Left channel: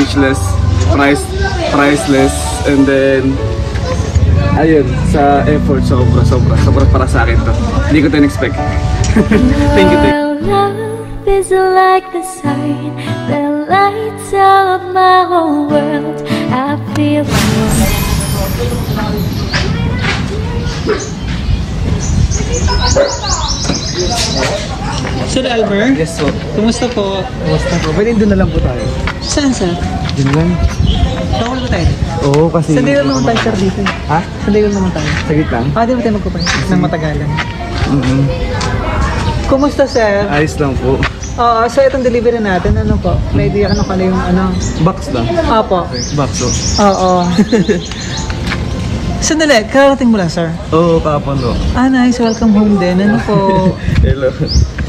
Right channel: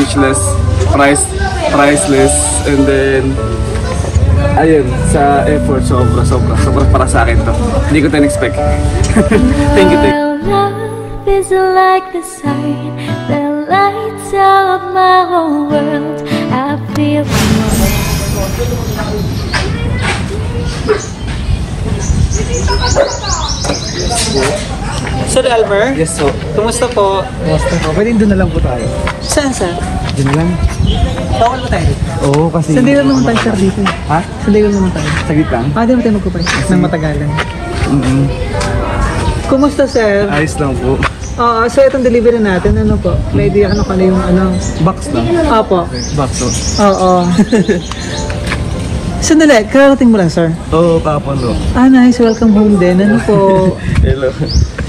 speechless, priceless, and then ayun, sa effort, sobra para sa akin to. Hindi ko ito expect. Thank you. Love is like the sign that lights up my whole world. I feel the warmth. Sir Elmer? Yes, so. Kumusta po? Kumusta po? Pwede doon na lang po tayo. Saan? Doon lang. Bawal ba tayo dito? Oo, kasi... Saan din naman tayo, sir, dito? Ha? Saan din naman tayo? Sagit lang? Di ba tayo magkupay? Nang matagalan. Kumusta, sir? Ayos lang po. Oo, so itong delivery natin, ano po? Ready, ano yung Box lang. Opo. Okay. Box to. Oo. Sandali, karating mo lang, sir? Oo, kakapon to. Nice. Welcome home din. Ano po? Hello.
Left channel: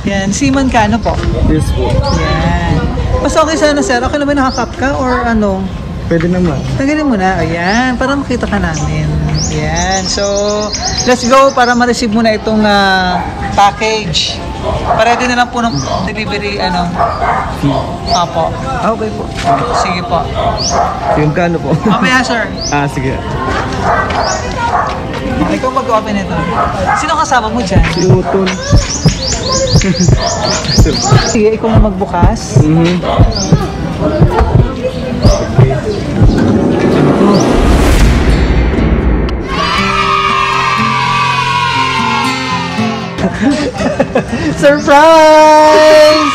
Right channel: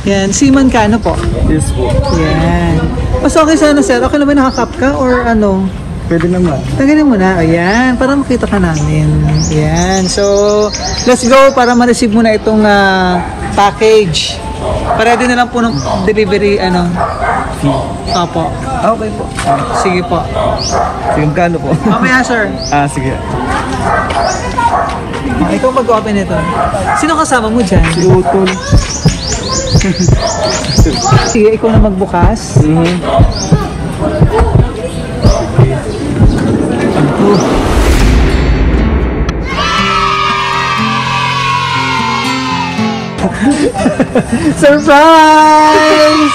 Yan, seaman ka, ano po? Yes po. Yan. Mas okay sana, sir. Okay naman nakakap ka or ano? Pwede naman. Tagalan mo na. Ayan, para makita ka namin. Ayan. So, let's go para ma-receive mo na itong package. Para din na lang po ng delivery, fee. Opo. Okay po. Sige po. Sige, magkano po? Mamaya, sir. Sige. Ikaw mag-open ito. Sino kasama mo dyan? Si Utol. Sige, ikaw na magbukas. Ano to? Surprise!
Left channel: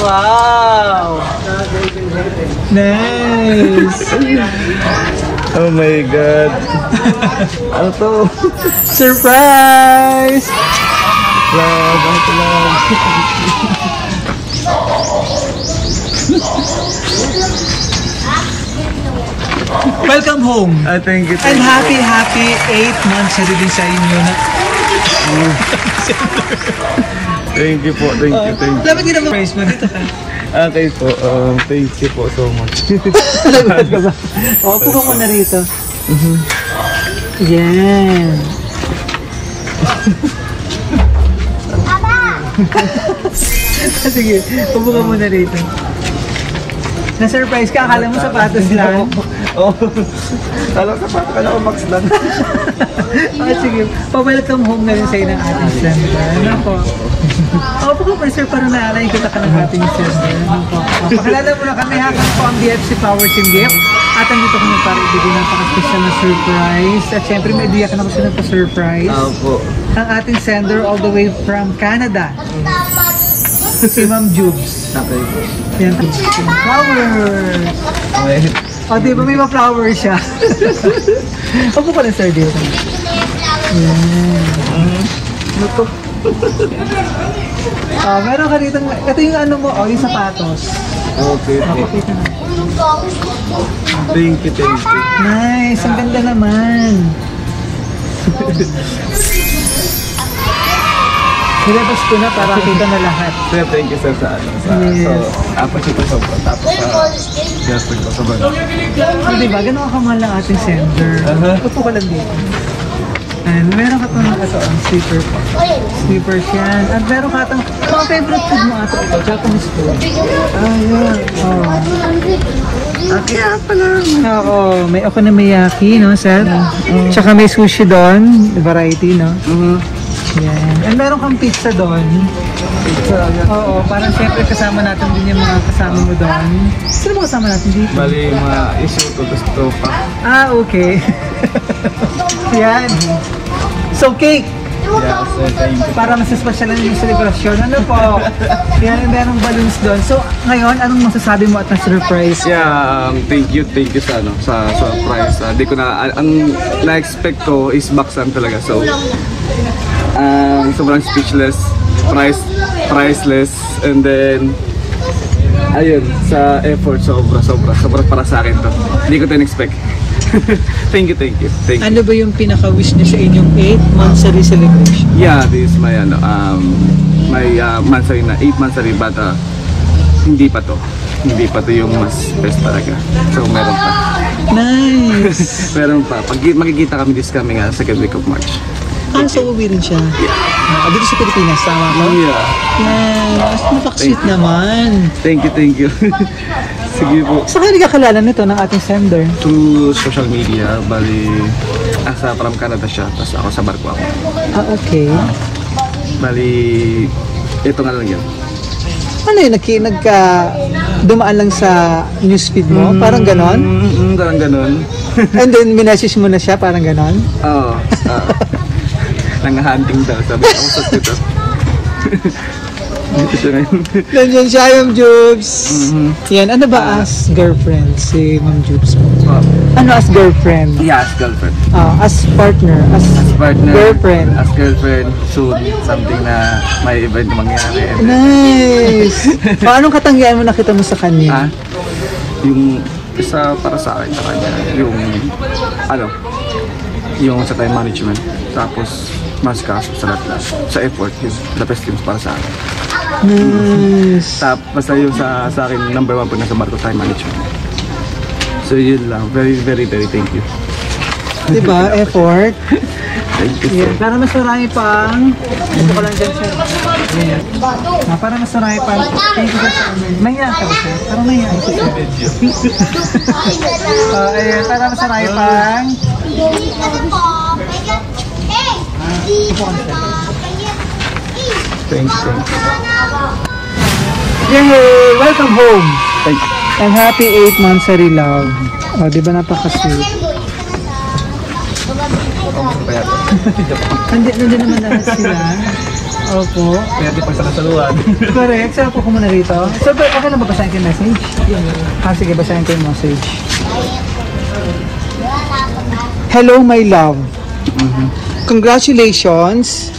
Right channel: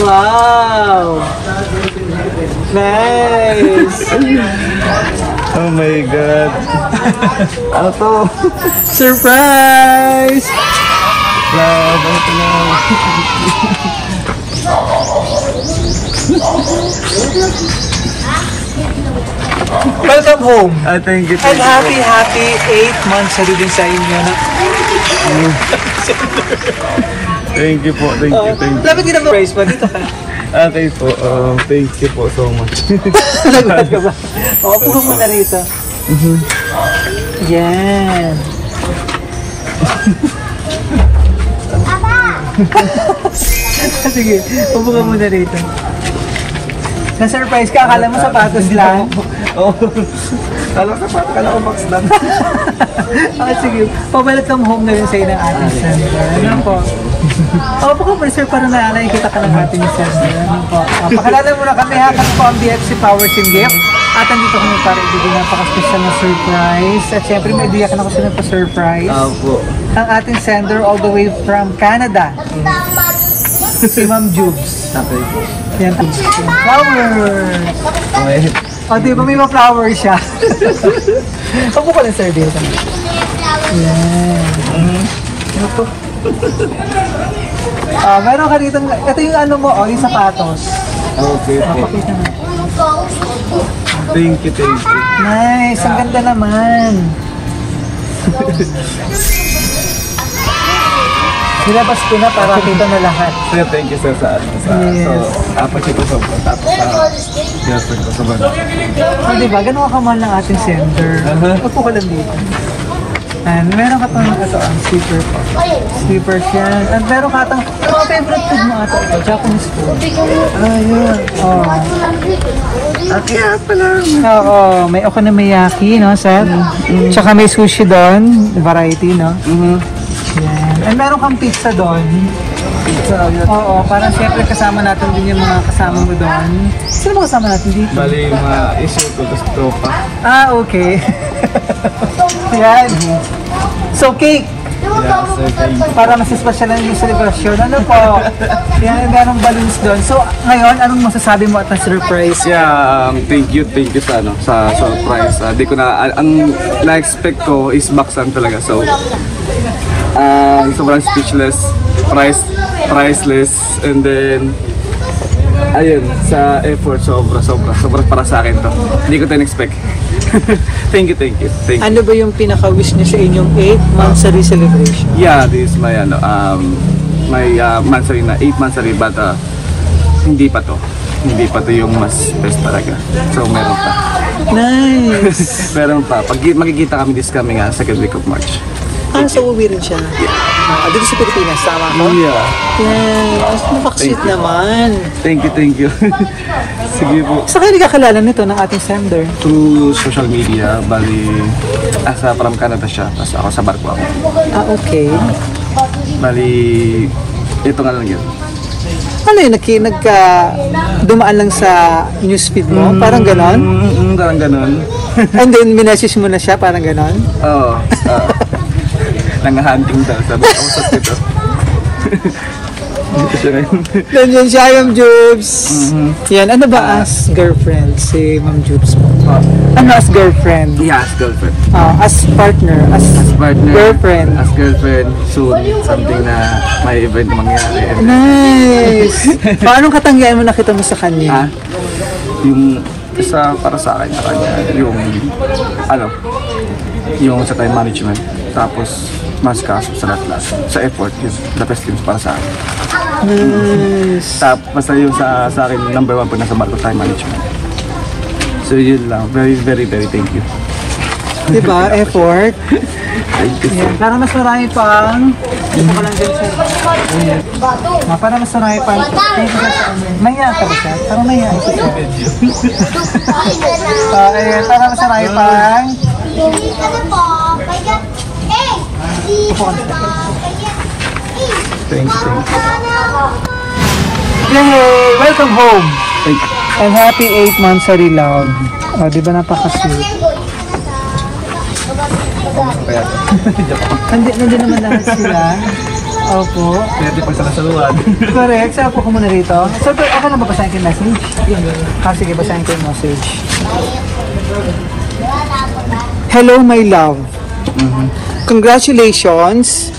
Wow! Nice! Oh my God! Ano to? Surprise! Love! Ano to, love? Welcome home! Thank you. And happy 8 months na rin sa inyo. Thank you po. Thank you. Dapat ginag-price pa nito. Okay po. Thank you po so much. Puno mo na rito. Yan. Sige, upo ka muna rito. Na-surprise ka, akala mo sapatos lang. Oo. Alam sapatos, akala ko max lang. Sige, pa-welcome home na rin sa'yo ng ating center. Ano po? Opo ka pa, sir, para nakikita ka ng ating center. Ano po? Pakilala mo na kami, kami po ang BFC Powers and Gift. At andito kami para ibigay napaka-special na surprise. At syempre, may biyak na ako sa surprise. Opo. Ang ating sender all the way from Canada. Si Ma'am Jubes. Okay po. Yan po. Flowers! Okay. Di ba may ma-flower siya? Opo ka lang, sir, dito. Yan. Ano to? Meron ka dito, ito yung ano mo, yung sapatos. Okay po. Pakita na. Thank you. Nice, ang ganda naman. Nilabas ko na para kita na lahat. Sir, thank you sir sa ano. Yes. So, appreciate ko sobra. Tapos sa girlfriend ko sobrang natin. Diba, gano'n ka man ng ating sender. Upo ka lang dito. And meron ka itong ang slipper po. Slippers yan. At meron ka itong, mga favorite food mo ito, Japanese food. Yun. Kaya pala. Oo, may okonomiyaki, no, sir? Tsaka may sushi doon, variety, no? Yan. And meron kang pizza doon. Pizza yan. Oo, parang siyempre kasama natin din yung mga kasama mo doon. Sino ba kasama natin dito? Bali yung mga issue ko, tapos tropa. Okay. Yan. So, cake. Yeah, sir, thank you. Para mas special lang yung celebration. Ano po? Yan, merong balloons doon. So, ngayon, anong masasabi mo at ang surprise? Yeah, thank you sa ano, sa surprise. Di ko na, ang na-expect ko is box lang talaga. So, sobrang speechless, priceless, and then ayun, sa effort, sobra para sa akin to. Hindi ko ito expect. Thank you. Ano ba yung pinaka-wish niyo sa inyong 8 monthly celebration? Yeah, this is my ano, my monthly na 8 monthly, but hindi pa to yung mas best talaga. So meron pa. Nice. Meron pa. Pag makikita kami this coming second week of March. So uwi rin siya? Yeah. Dito sa Pilipinas, tama ko? Yeah. Thank you. Naman. Thank you. Sige po. Sa kayo nagkakilala nito ng ating sender? Through social media, bali, from Canada siya, tapos ako sa barko ako. Okay. Bali, ito nga lang yan. Ano yun, dumaan lang sa newsfeed mo? Parang ganon? Parang ganon. And then, minessage mo na siya, parang ganon? Oo. Nang-hunting daw, sabi ko, usap nito. Dito siya ngayon. Ganyan siya, Ma'am Jubes. Yan, ano ba as girlfriend si Ma'am Jubes? Ano as girlfriend? Yeah, as girlfriend. As partner? As Partner, girlfriend? as girlfriend, soon, something na may event na mangyari. And then, Nice! Anong katangian mo nakita mo sa kanya? yung isa para sa akin, sa kanya, yung, yung sa time management. Tapos, mas kaso sa lahat. Sa effort, the best things para sa akin. Basta yung sa akin, number 1 po nasa barko, time management. So yun lang, very thank you. Diba? Effort? Thank you so much. Para mas marami pang gusto ko lang dyan, sir. Para mas marami pang thank you guys. Maya ka ba, sir? Parang maya ako, sir. Para mas marami pang upo ka na, sir. Thank you. Yay! Welcome home! Thank you. And happy 8 months sa Love. Di ba napaka-sweet? Gusto pa yata. Nandiyan naman lahat sila. Opo. Kaya di pag salasaluan. Correct. Saan po ko muna rito? So, ako na babasahin ko yung message? Sige, basahin ko yung message. Hello, my love. Congratulations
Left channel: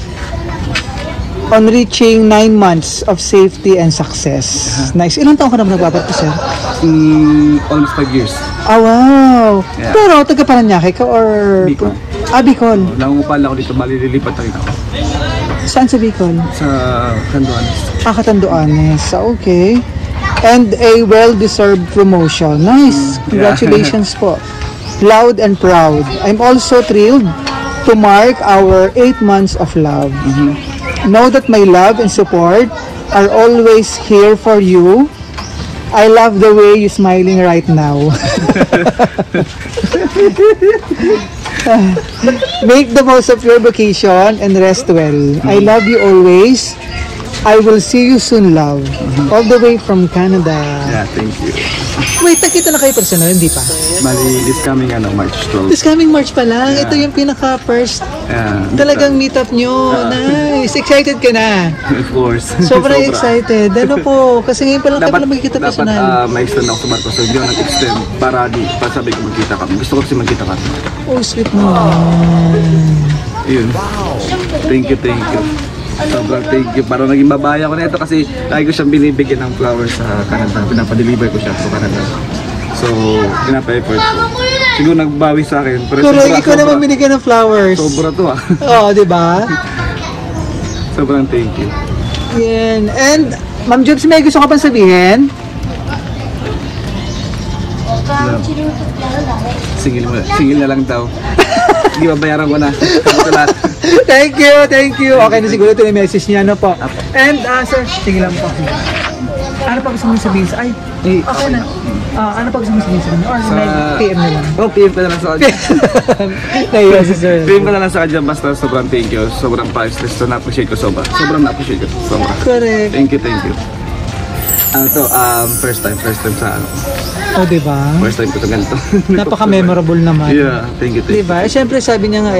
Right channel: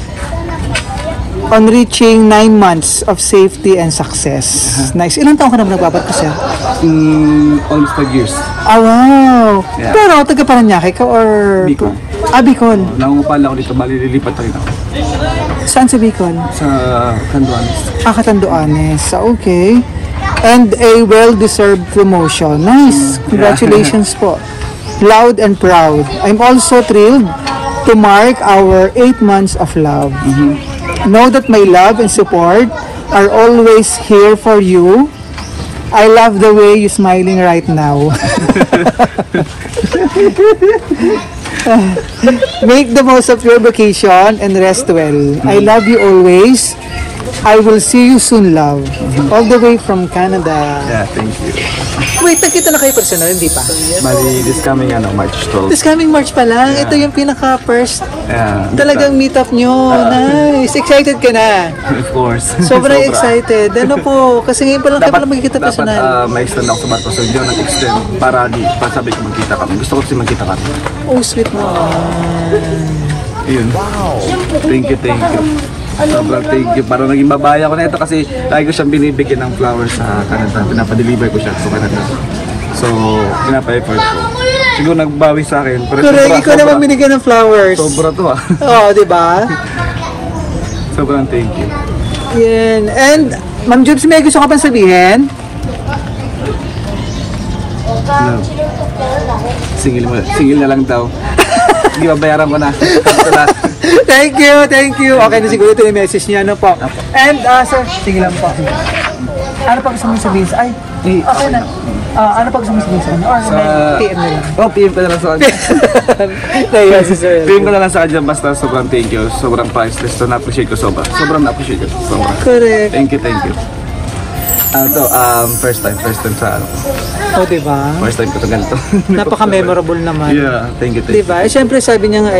on reaching 9 months of safety and success. Nice. Ilang taon ka na nagpapakasya? Almost 5 years. Oh, wow. Yeah. Pero taga Paranaque ka or? Bicol. Bicol. Nangungupal ako dito, bali lilipat rin ako. Saan sa Bicol? Sa Canduanes. Catanduanes. Okay. And a well-deserved promotion. Nice. Congratulations po. Loud and proud. I'm also thrilled to mark our 8 months of love. Know that my love and support are always here for you. I love the way you're smiling right now. Make the most of your vacation and rest well. I love you always. I will see you soon, love. All the way from Canada. Yeah, thank you. Wait, nakita na kayo personal, hindi pa? Bali, this coming March 12. This coming March pala. Yeah. Ito yung pinaka-first. Yeah, Talagang meet up nyo. Nice. Excited ka na. Of course. Sobrang excited. Ano po? Kasi ngayon pa lang Dapat magkita dapat ma-extend ako sa barko. So hindi ako nag-extend para sabi ko magkita kami. Gusto ko kasi magkita kami. Oh, sweet. Ayun. Thank you. Sobrang thank you. Parang naging babaya ko na ito kasi lagi ko siyang binibigyan ng flowers sa Canada. Pinapadeliver ko siya to Canada. So, pinapa-effort ko. Siguro nagbawi sa akin. Pero sobra. Ikaw naman binigyan ng flowers. Sobra to Oo, diba? Sobrang thank you. Yan. And, Ma'am Jobs, may gusto ka pang sabihin? Love. Singil na lang daw. Sige, babayaran ko na. Ito lahat. Thank you. Okay na siguro ito yung message niya, ano po. And, sir, sige lang po. Ano pa gusto mong sabihin sa... okay na. Ano pa gusto mong sabihin sa kanya? PM na lang. PM ko na lang sa kanya. PM ko na lang sa kanya. Basta sobrang thank you. Sobrang priceless. So, na-appreciate ko sobra. Sobrang na-appreciate ko. Sobra. Correct. Thank you. First time sa ano. Diba? First time ko ito ganito. Napaka-memorable naman. Yeah, thank you. Diba? Siyempre sabi niya nga,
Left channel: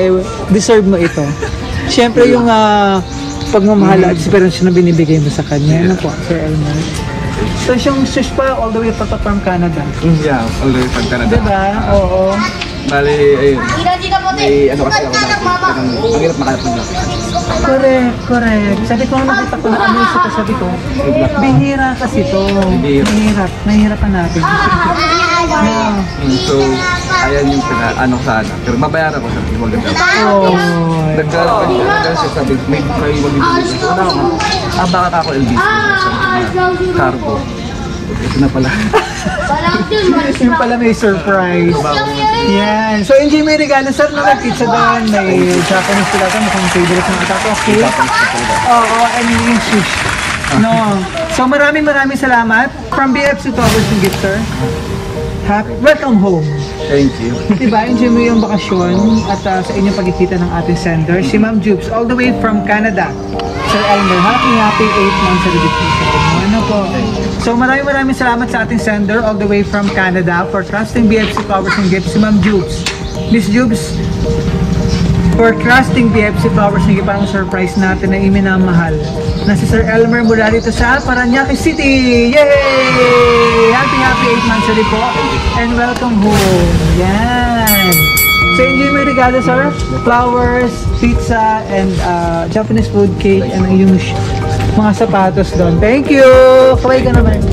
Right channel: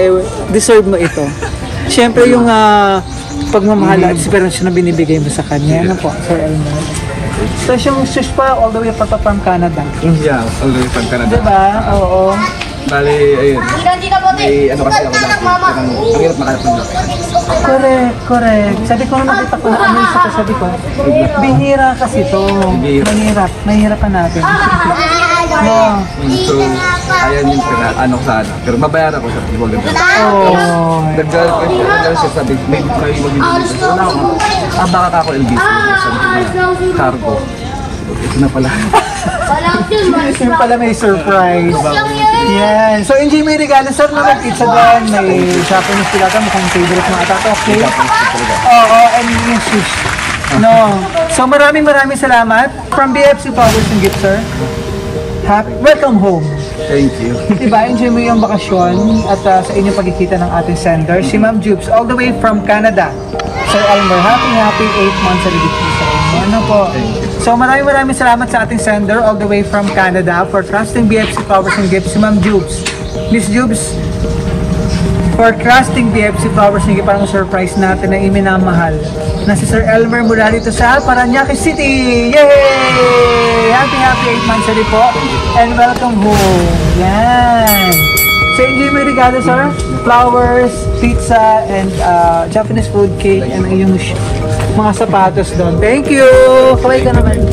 deserve mo ito. Siyempre yung pagmamahal at experience na binibigay mo sa kanya. Ano po, Sir Elmer? So yung sus pa, all the way pa from Canada. Yeah, all the way from Canada. Diba? Oo. Bali, ayun. May ano kasi ako dati. Ang hirap makalap ng lakad. Correct. Sabi ko, nakita ko na isa ko, sabi ko, bihira kasi to. Mahirap pa natin. No. So, ayan yung ano sana. Pero mabayaran ko sa people din daw. Nagdala siya, sabi, may magbibigay ko. So, wala ako. Baka ako LBC. Something na cargo. Ito na pala. Yung pala may surprise. Yan. So, hindi may regalo, sir, no? May pizza doon, may Japanese pilata, mukhang favorite ng atat. Okay. Oo, and yung shoes. No. So maraming salamat from BFC Flowers and Gift, sir. Welcome home. Thank you. Diba, enjoy mo yung bakasyon at sa inyong pagkikita ng ating sender, si Ma'am Jubes, all the way from Canada. Sir Elmer, happy 8 months sa libit po sa inyo. Ano po? So maraming salamat sa ating sender all the way from Canada for trusting BFC Flowers and Gifts, si Ma'am Jubes. Miss Jubes, for trusting BFC Flowers and Gifts, parang surprise natin na iminamahal na si Sir Elmer mula dito sa Parañaque City. Yay! Happy 8 months ulit po. And welcome home. Yan. So enjoy mo yung regalo, sir. Flowers, pizza, and Japanese food cake, and yung mga sapatos doon. Thank you! Kamay ka naman.